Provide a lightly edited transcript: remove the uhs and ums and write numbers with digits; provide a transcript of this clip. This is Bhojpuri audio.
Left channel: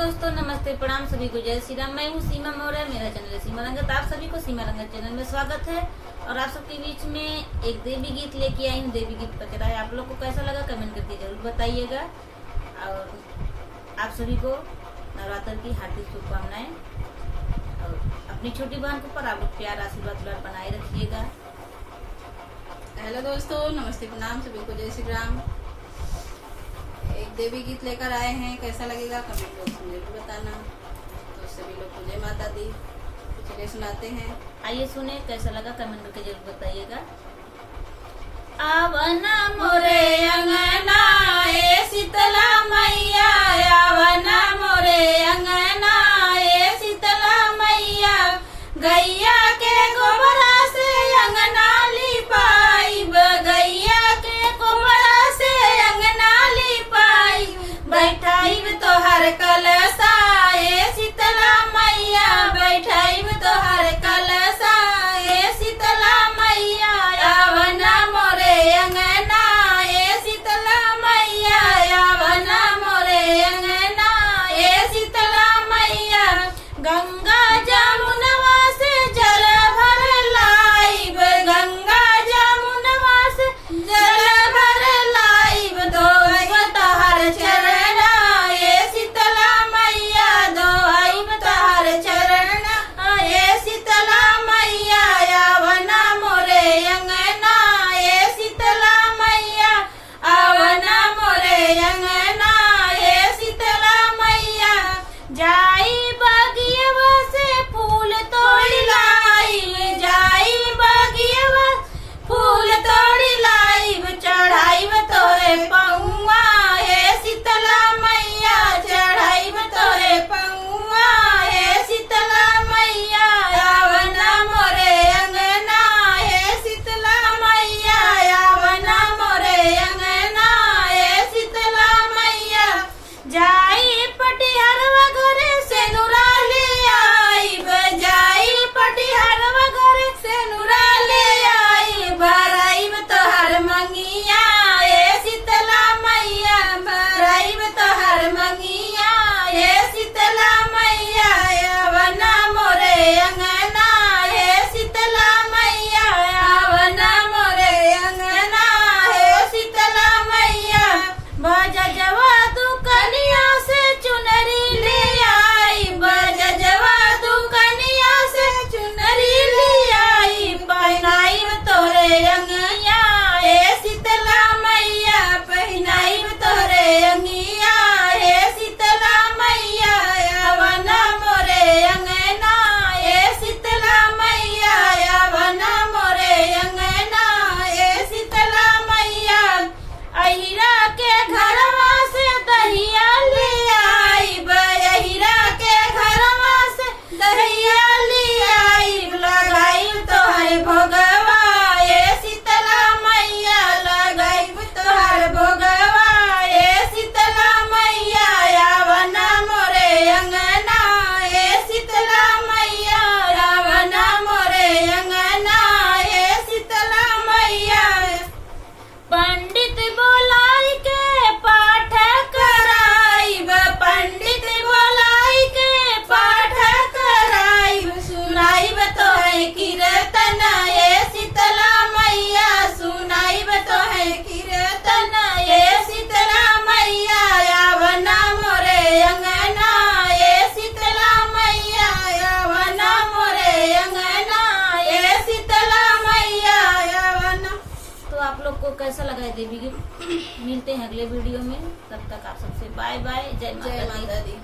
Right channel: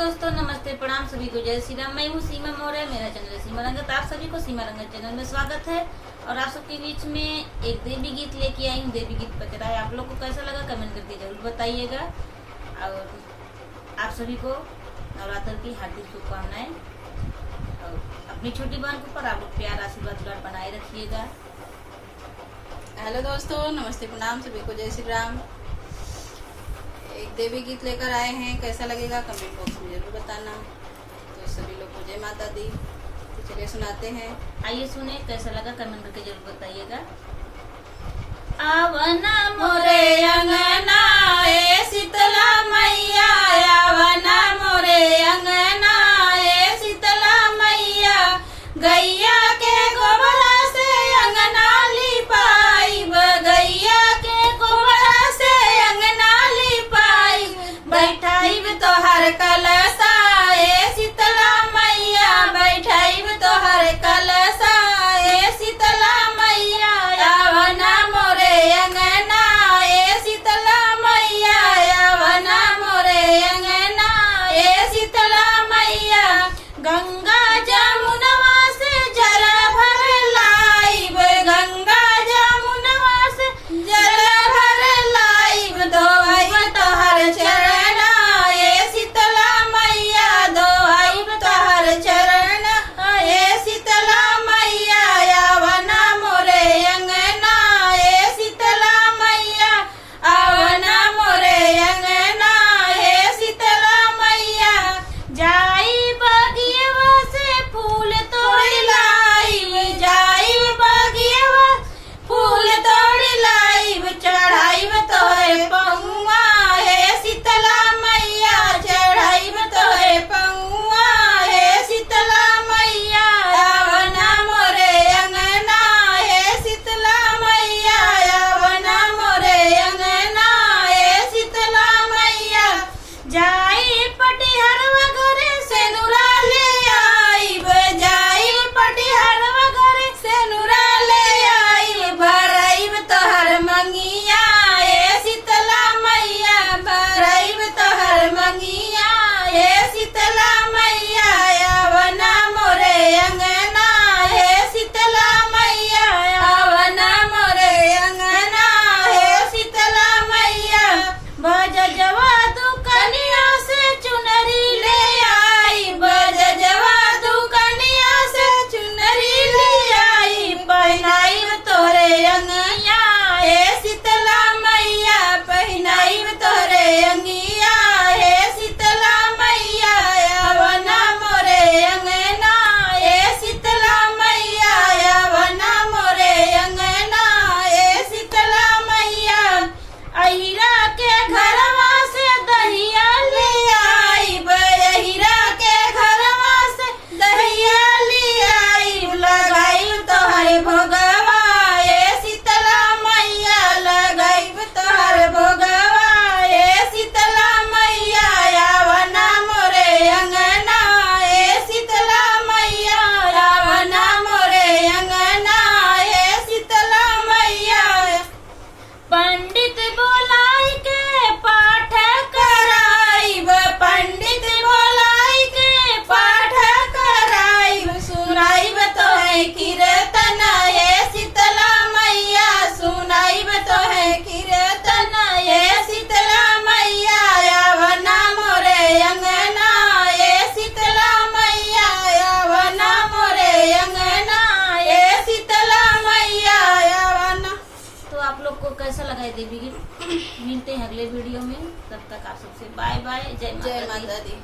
दोस्तों, नमस्ते, प्रणाम सभी को, जय श्री राम। मैं हूँ सीमा मौर्य, मेरा चैनल है सीमा रंगत। आप सभी को सीमा रंगत चैनल में स्वागत है। और आप सबके बीच में एक देवी गीत लेके आई हूँ। देवी गीत पर किराया आप लोग को कैसा लगा कमेंट करके जरूर बताइएगा। और आप सभी को नवरात्र की हार्दिक शुभकामनाएं। और अपनी छोटी बहन के ऊपर आप लोग प्यार आशीर्वाद बनाए रखिएगा। हेलो दोस्तों, नमस्ते, प्रणाम सभी को, जय श्री राम। एक देवी गीत लेकर आए हैं, कैसा लगेगा कमेंट बॉक्स में जरूर बताना। तो सभी लोग को जय माता दी। तो चलिए सुनाते हैं। आइए सुने, कैसा लगा कमेंट करके जरूर बताइएगा। आवना मोरे अंगना ए शीतला मैया, आवना मोरे अंगना ए शीतला मैया, गैया के गोबरा से अंगना लिपाइब, गैया के गोबरा से अंगना लिपाइब, बैठाइब तोहर कलसा ए शीतला मैया, बैठाइब तोहर कलसा ए शीतला मैया, आवना मोरे अंगना ए शीतला मैया, आवना मोरे अंगना ए शीतला मैया, गंगा जमुनवा से जल भर लाइब, गंगा जमुनवा से जल भर लाइब, धोइब तोहर चरण ए शीतला मैया, धोइब तोहर चरण ए शीतला मैया, आवना मोरे अंगना ए शीतला मैया, आवना मोरे अंगना ए शीतला मैया, जाई बगियवा से फूल तोड़ी लाई, जाई बगियवा फूल तोड़ी लाइब, चढ़ाइब तोहे पौआ हे शीतला मैया, चढ़ाइब तोहे पौआ हे शीतला मैया, आवना मोरे अंगना हे शीतला मैया, आवना मोरे अंगना हे शीतला मैया, जाई पटिहरवा घरे से नुरा ले आइब, जाई पटिहरवा घरे से नुरा ले आइब, भराइब तोहर मंगिया ए शीतला मैया, भराइब तोहर मंगिया ए शीतला मैया, आवना मोरे अंगना ए शीतला मैया, आवना मोरे अंगना ए शीतला मैया, बजजवा दुकनिया से चुनरी ले आई, बजजवा दुकनिया से चुनरी ले आई, पहनाइब तोरे अंगिया ए शीतला मैया, पहनाइब तोरे अंगिया ए शीतला मैया, आवना मोरे अंगना ए शीतला मैया, आवना मोरे अंगना ए शीतला मैया, अहिरा के घरवा से दहिया ले आइब, अहिरा के घरवा से दहिया ले आइब, लगाइब तोहर भोगवा ए शीतला मैया, लगाइब तोहर भोगवा ए शीतला मैया, आवना मोरे अंगना ए शीतला मैया, आवना मोरे अंगना ए शीतला मैया, पंडित बोलाई के पाठ कराइब, पंडित बोलाई के पाठ कराइब, सुनाइब तोहे कीर्तन ए शीतला मैया, सुनाइब तोहे कीर्तन ए शीतला मैया, आवना मोरे अंगना ए शीतला मैया, आवना मोरे अंगना ए शीतला मैया, आवना। तो आप लोग को कैसा लगा है देवी गीत? मिलते हैं अगले वीडियो में, तब तक आप सबसे बाय बाय, जय जय माता दी। माता दी।